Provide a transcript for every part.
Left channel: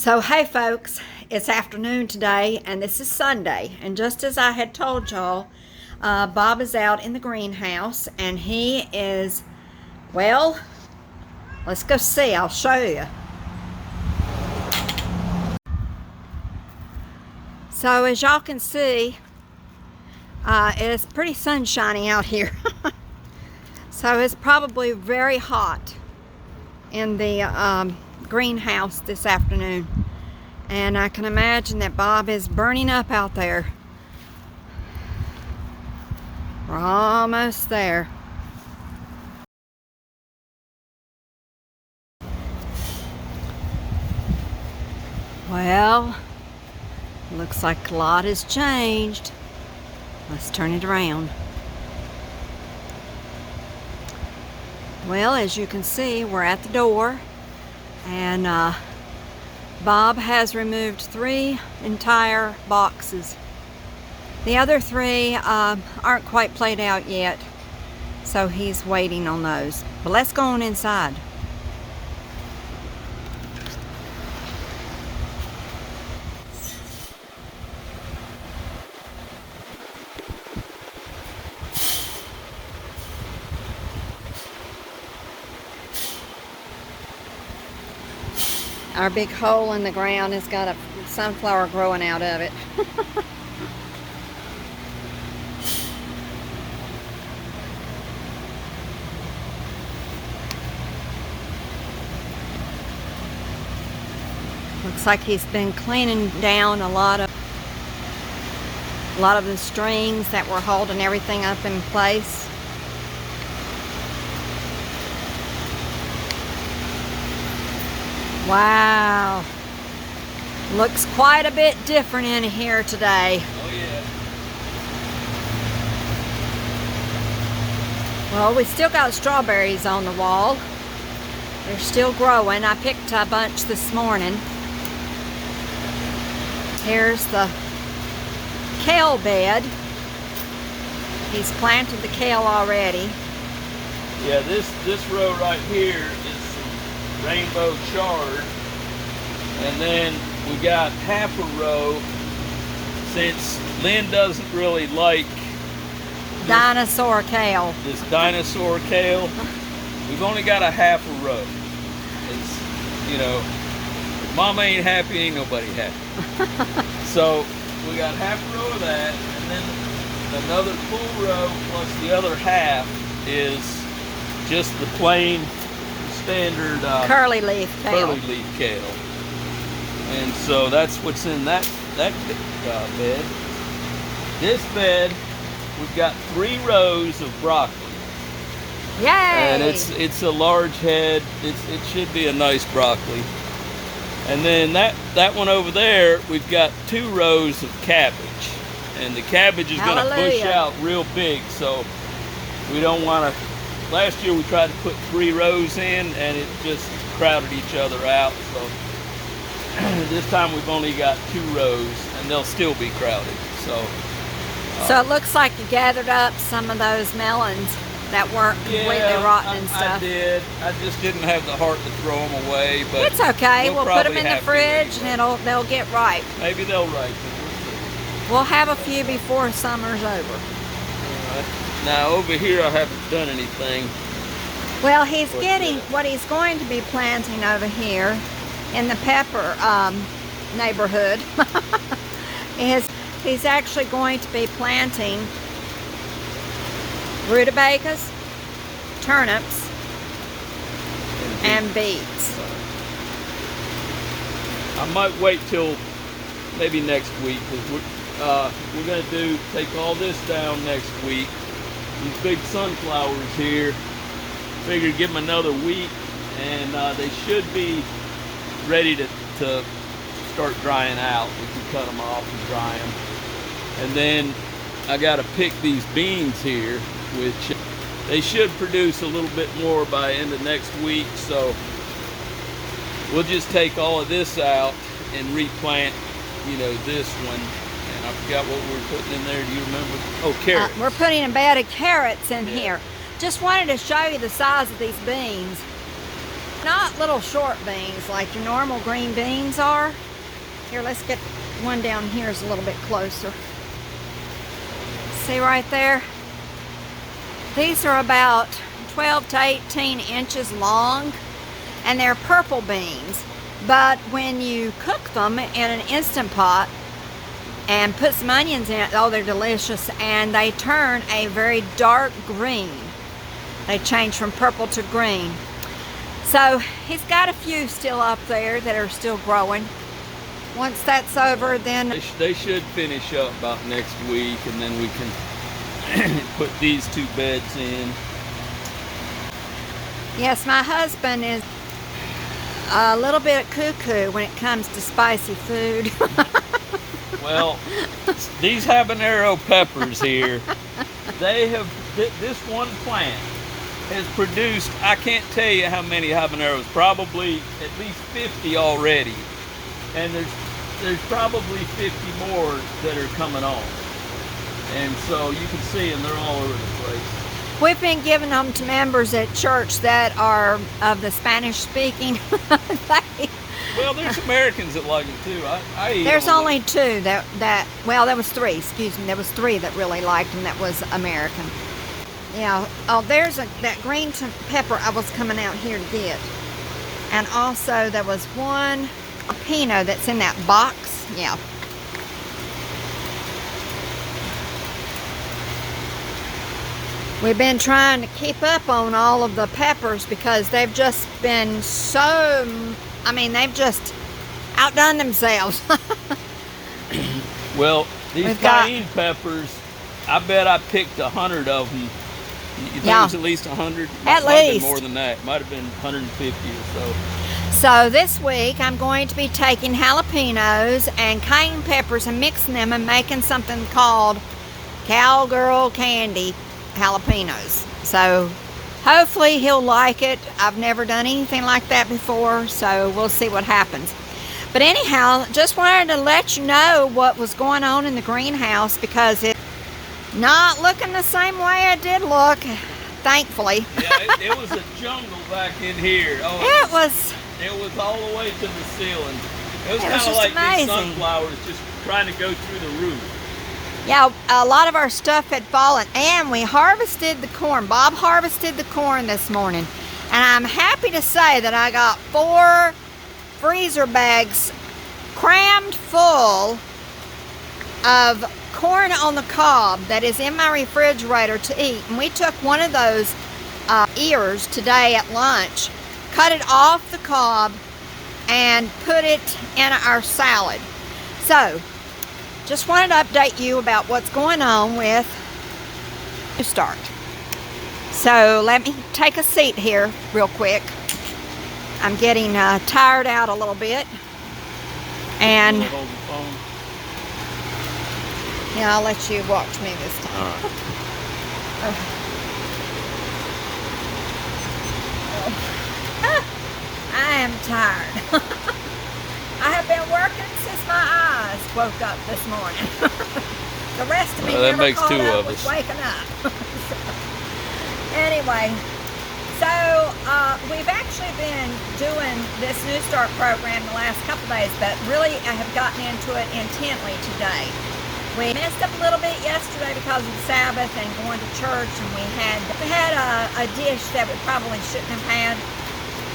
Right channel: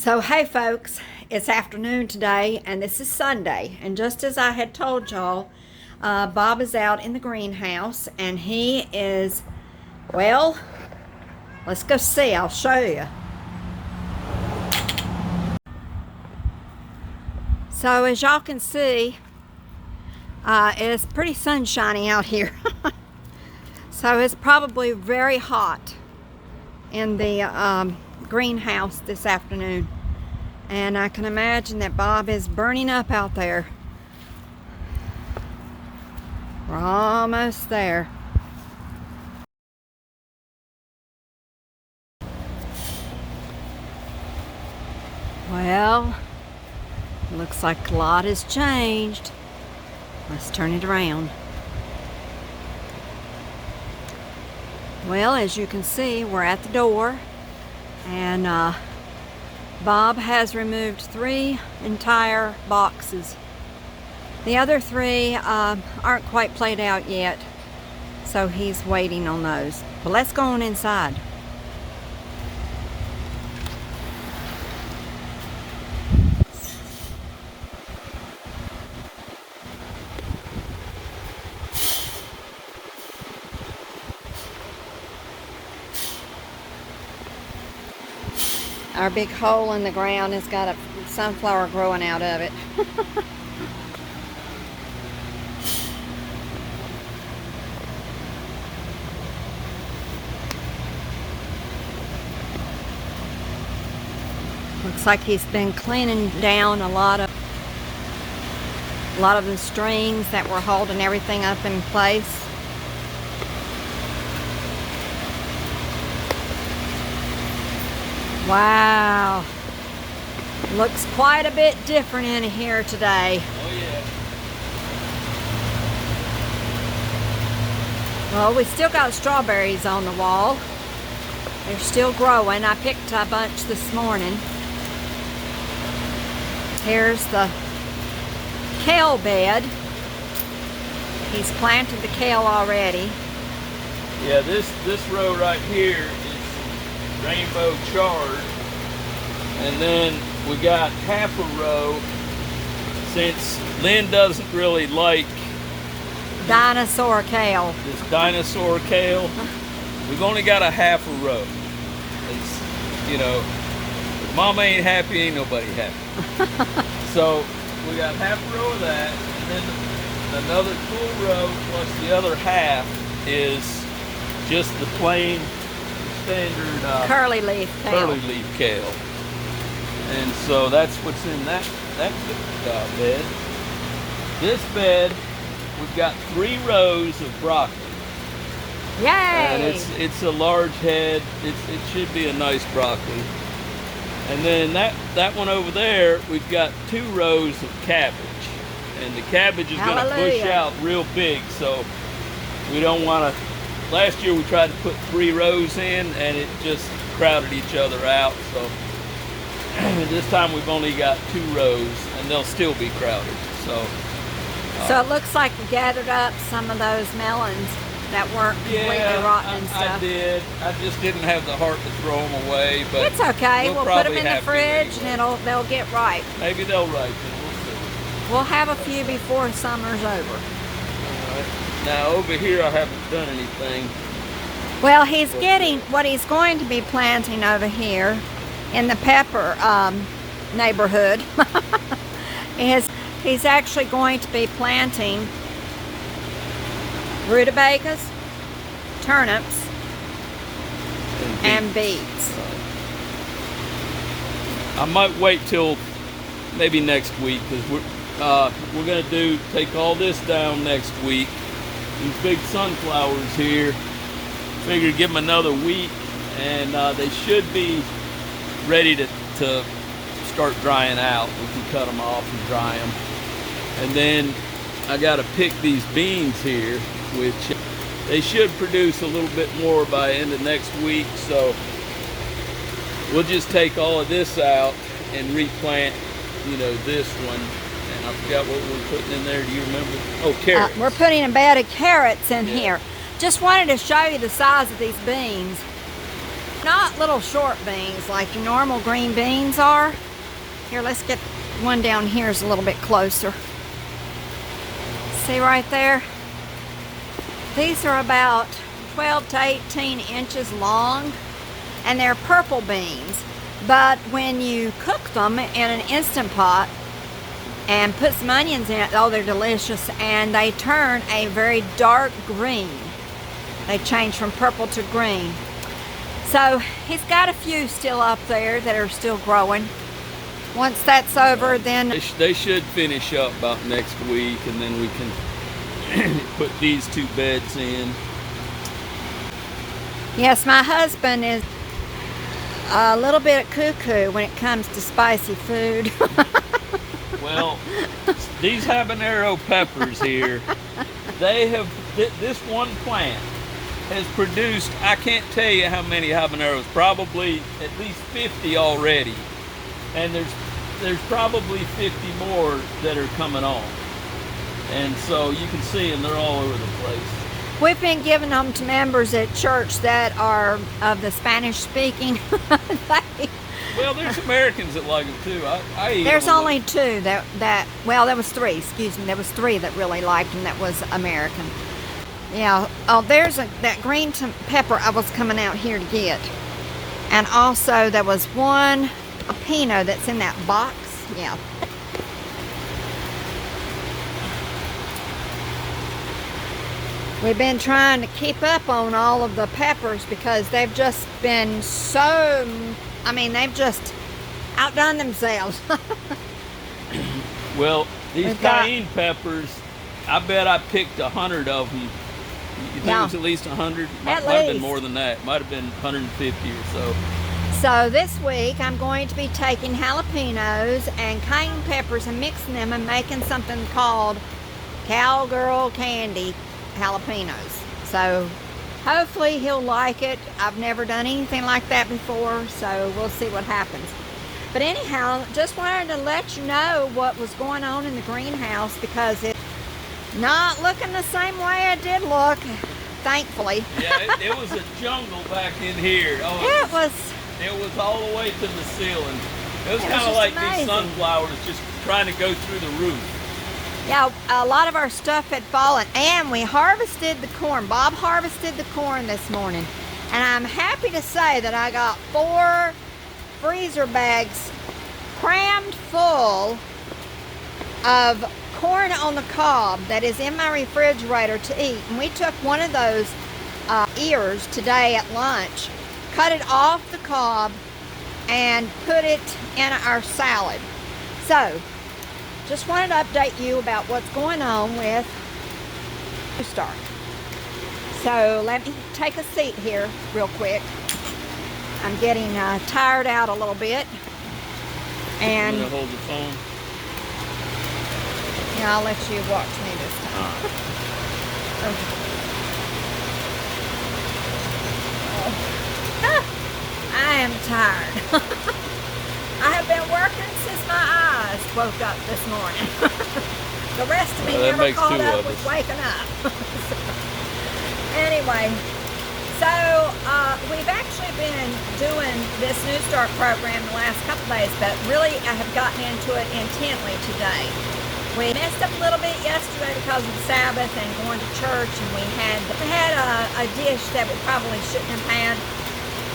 So hey folks, it's afternoon today and this is Sunday, and just as I had told y'all, Bob is out in the greenhouse and he is, well, let's go see. I'll show you. So as y'all can see, it's pretty sunshiny out here. So it's probably very hot in the greenhouse this afternoon, and I can imagine that Bob is burning up out there. We're almost there. Well, looks like a lot has changed. Let's turn it around. Well, as you can see, we're at the door, and Bob has removed 3 entire boxes. The other 3 aren't quite played out yet, so he's waiting on those. But let's go on inside. Our big hole in the ground has got a sunflower growing out of it. Looks like he's been cleaning down a lot of the strings that were holding everything up in place. Wow, looks quite a bit different in here today. Oh yeah. Well, we still got strawberries on the wall. They're still growing. I picked a bunch this morning. Here's the kale bed. He's planted the kale already. Yeah, this row right here is rainbow chard, and then we got half a row, since Lynn doesn't really like Dinosaur kale. this dinosaur kale. We've only got a half a row. It's, you know, if Mama ain't happy, ain't nobody happy. So we got half a row of that, and then another full row plus the other half is just the plain standard curly leaf kale. And so that's what's in that bed. This bed, we've got 3 rows of broccoli. Yay! And it's a large head. It should be a nice broccoli. And then that one over there, we've got 2 rows of cabbage. And the cabbage is going to push out real big, so we don't want to. Last year we tried to put 3 rows in and it just crowded each other out. So this time we've only got 2 rows and they'll still be crowded. So it looks like you gathered up some of those melons that weren't completely rotten and stuff. I did. I just didn't have the heart to throw them away. But it's okay. We'll put them in the fridge and they'll get ripe. Maybe they'll ripen. We'll see. We'll have a few before summer's over. Now over here I haven't done anything. Well, he's getting what he's going to be planting over here in the pepper neighborhood. He's actually going to be planting rutabagas, turnips, and beets. I might wait till maybe next week, because we're going to take all this down next week. These big sunflowers here, figured give them another week and they should be ready to start drying out. We can cut them off and dry them. And then I got to pick these beans here, which they should produce a little bit more by end of next week. So we'll just take all of this out and replant, you know, this one. And I forgot what we're putting in there. Do you remember? Oh, carrots. We're putting a bed of carrots in here. Just wanted to show you the size of these beans. Not little short beans like your normal green beans are. Here, let's get one down here is a little bit closer. See right there? These are about 12 to 18 inches long, and they're purple beans. But when you cook them in an Instant Pot and put some onions in it, oh, they're delicious, and they turn a very dark green. They change from purple to green. So he's got a few still up there that are still growing. Once that's over, then They should finish up about next week, and then we can put these 2 beds in. yes, my husband is a little bit cuckoo when it comes to spicy food. Well, these habanero peppers here, they have, this one plant has produced, I can't tell you how many habaneros, probably at least 50 already. And there's probably 50 more that are coming on. And so you can see them, they're all over the place. We've been giving them to members at church that are of the Spanish speaking. Well, there's Americans that like them too. I eat There's them. only 2 well, there was 3, excuse me. There was 3 that really liked them that was American. Yeah, oh, there's that green pepper I was coming out here to get. And also there was one pino that's in that box. Yeah. We've been trying to keep up on all of the peppers because they've just been so, they've just outdone themselves. Well, these cayenne peppers, I bet I picked 100 of them. You think it was at least 100? At Might have least. been more than that. Might have been 150 or so. So this week I'm going to be taking jalapenos and cayenne peppers and mixing them and making something called cowgirl candy jalapenos. So hopefully he'll like it. I've never done anything like that before, so we'll see what happens. But anyhow, just wanted to let you know what was going on in the greenhouse because it's not looking the same way it did look, thankfully. Yeah, it was a jungle back in here. Oh, it was all the way to the ceiling. It was kind of like these sunflowers just trying to go through the roof. Yeah, a lot of our stuff had fallen, and we harvested the corn. Bob harvested the corn this morning, and I'm happy to say that I got 4 freezer bags crammed full of corn on the cob that is in my refrigerator to eat. And we took one of those ears today at lunch, cut it off the cob, and put it in our salad. So, just wanted to update you about what's going on with N.E.W.S.T.A.R.T. So, let me take a seat here real quick. I'm getting tired out a little bit. And Hold the phone. yeah, I'll let you watch me this time. Oh. Ah, I am tired. I have been working since my eyes woke up this morning. The rest of me never caught up with waking up. Anyway, so we've actually been doing this N.E.W.S.T.A.R.T program the last couple days, but really I have gotten into it intently today. We messed up a little bit yesterday because of the Sabbath and going to church, and we had a dish that we probably shouldn't have had.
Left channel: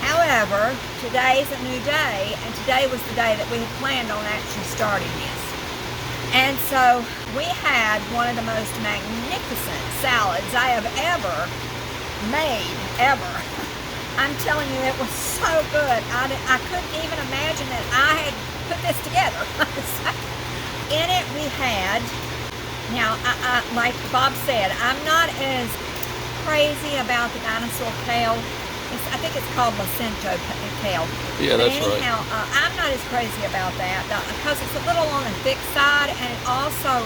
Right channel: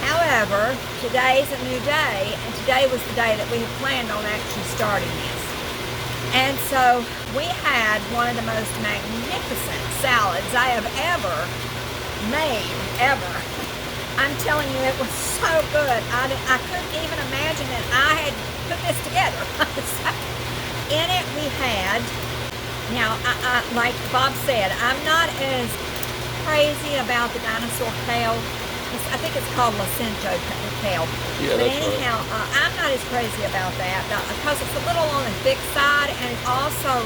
However, today's a new day, and today was the day that we had planned on actually starting this. And so we had one of the most magnificent salads I have ever made, ever. I'm telling you, it was so good. I couldn't even imagine that I had put this together. In it we had, now, like Bob said, I'm not as crazy about the Dinosaur kale. I think it's called kale. Yeah, but that's anyhow, right. I'm not as crazy about that because it's a little on the thick side, and it also,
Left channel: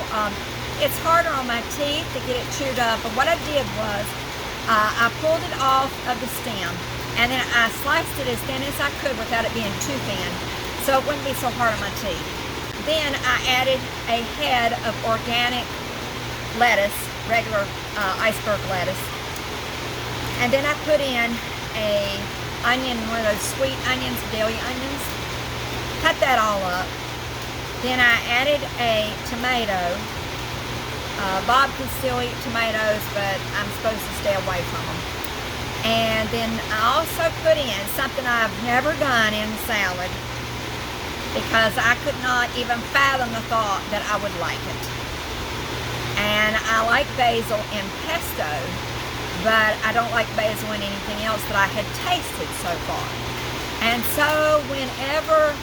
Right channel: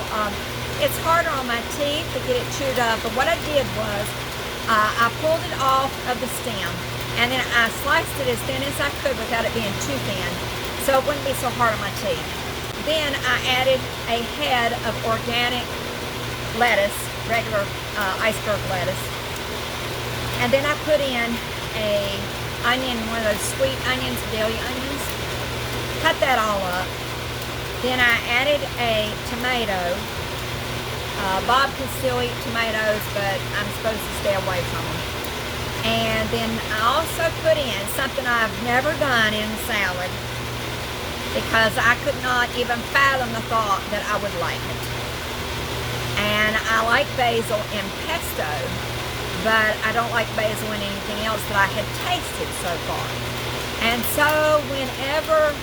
it's harder on my teeth to get it chewed up. But what I did was, I pulled it off of the stem, and then I sliced it as thin as I could without it being too thin, so it wouldn't be so hard on my teeth. Then I added a head of organic lettuce, regular iceberg lettuce, and then I put in a onion, one of those sweet onions, deli onions. Cut that all up. Then I added a tomato. Bob can still eat tomatoes, but I'm supposed to stay away from them. And then I also put in something I've never done in salad, because I could not even fathom the thought that I would like it. And I like basil in pesto, but I don't like basil in anything else that I had tasted so far. And so whenever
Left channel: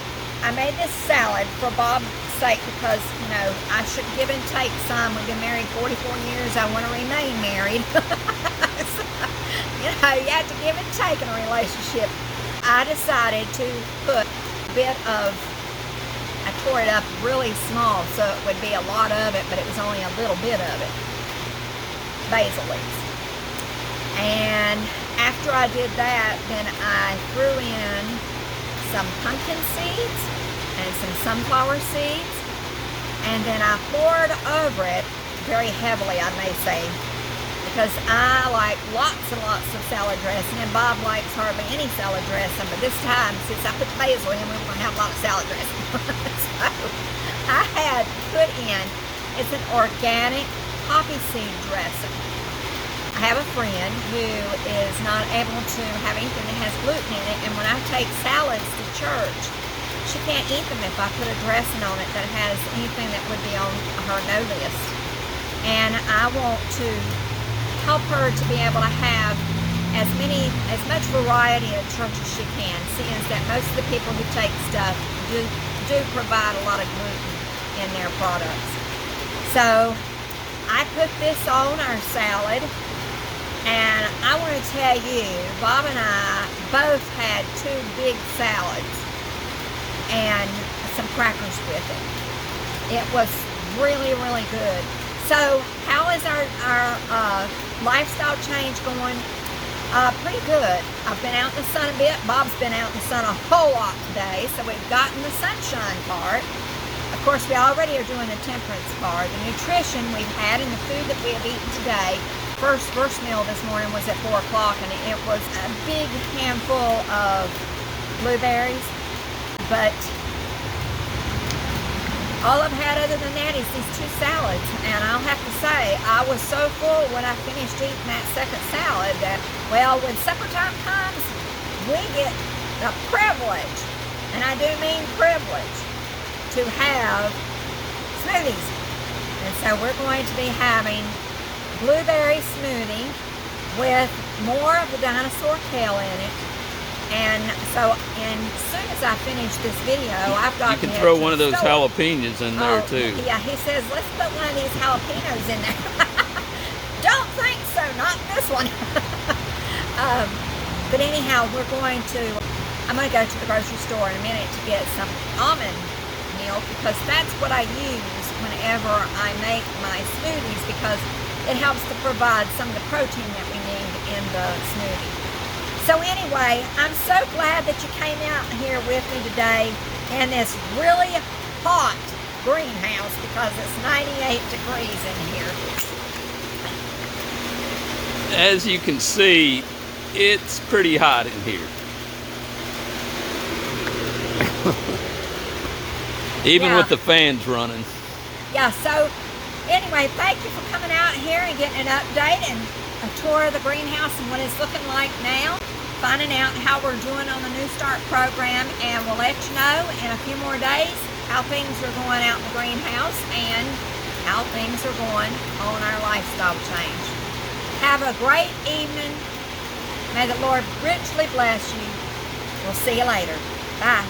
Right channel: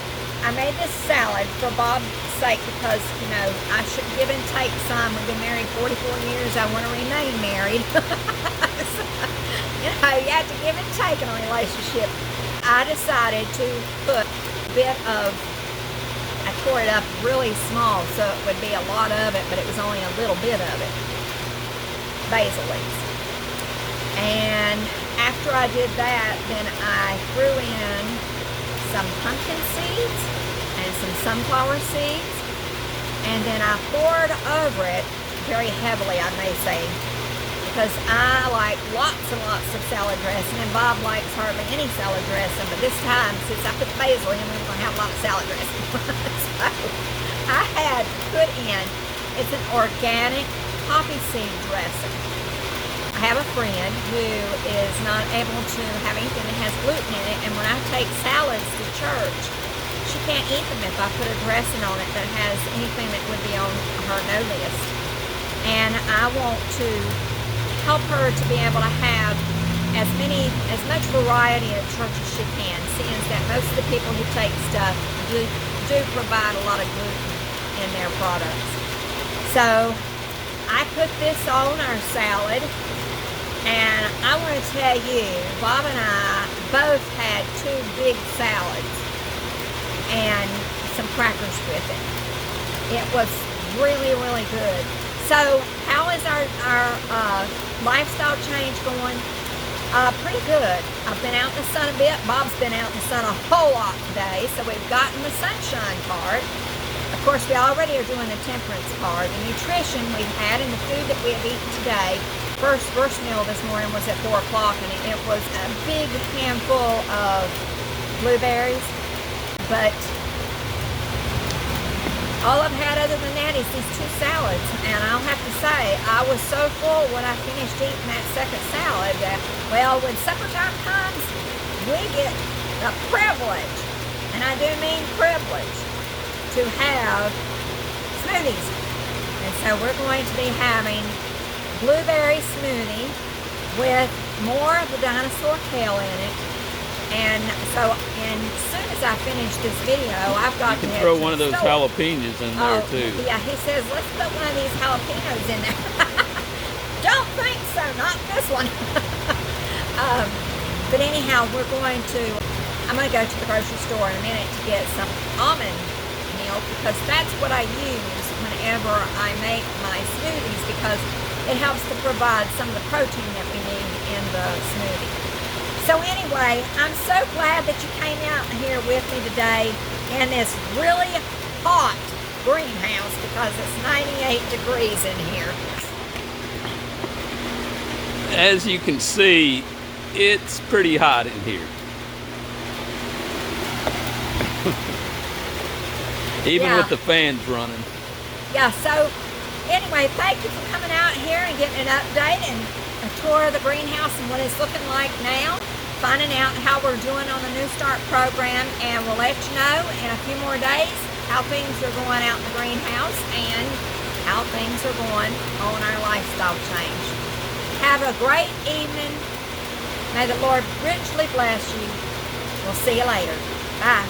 I made this salad for Bob's sake, because, you know, I should give and take some. We've been married 44 years. I want to remain married. So, you know, you have to give and take in a relationship. I decided to put a bit of, I tore it up really small so it would be a lot of it, but it was only a little bit of it, basil leaves. And after I did that, then I threw in some pumpkin seeds and some sunflower seeds, and then I poured over it very heavily, I may say, because I like lots and lots of salad dressing, and Bob likes hardly any salad dressing, but this time, since I put the basil in, we were going to have a lot of salad dressing. So I had put in, it's an organic poppy seed dressing. I have a friend who is not able to have anything that has gluten in it, and when I take salads to church, she can't eat them if I put a dressing on it that has anything that would be on her no list. And I want to help her to be able to have as much variety at church as she can, seeing that most of the people who take stuff do provide a lot of gluten in their products. So I put this on our salad, and I want to tell you, Bob and I both had 2 big salads and some crackers with it. It was really, really good. So how is our lifestyle change going? Pretty good. I've been out in the sun a bit. Bob's been out in the sun a whole lot today, so we've gotten the sunshine part. Of course, we already are doing the temperance part. The nutrition we've had and the food that we have eaten today. First meal this morning was at 4 o'clock, and it was a big handful of blueberries. But all I've had other than that is these 2 salads, and I'll have to say, I was so full when I finished eating that second salad that, well, when supper time comes, we get the privilege, and I do mean privilege, to have smoothies. And so we're going to be having blueberry smoothie with more of the Dinosaur kale in it. And so, and as soon as I finish this video, I've got to head to the store. You can throw one of those jalapenos in there too. Yeah, he says, let's put one of these jalapenos in there. Don't think so, not this one. But anyhow, I'm going to go to the grocery store in a minute to get some almond milk, because that's what I use whenever I make my smoothies, because it helps to provide some of the protein that we need in the smoothie. So anyway, I'm so glad that you came out here with me today in this really hot greenhouse, because it's 98 degrees in here. As you can see, it's pretty hot in here. Even with the fans running. Yeah, so anyway, thank you for coming out here and getting an update and a tour of the greenhouse and what it's looking like now. Finding out how we're doing on the N.E.W.S.T.A.R.T program, and we'll let you know in a few more days how things are going out in the greenhouse and how things are going on our lifestyle change. Have a great evening. May the Lord richly bless you. We'll see you later. Bye.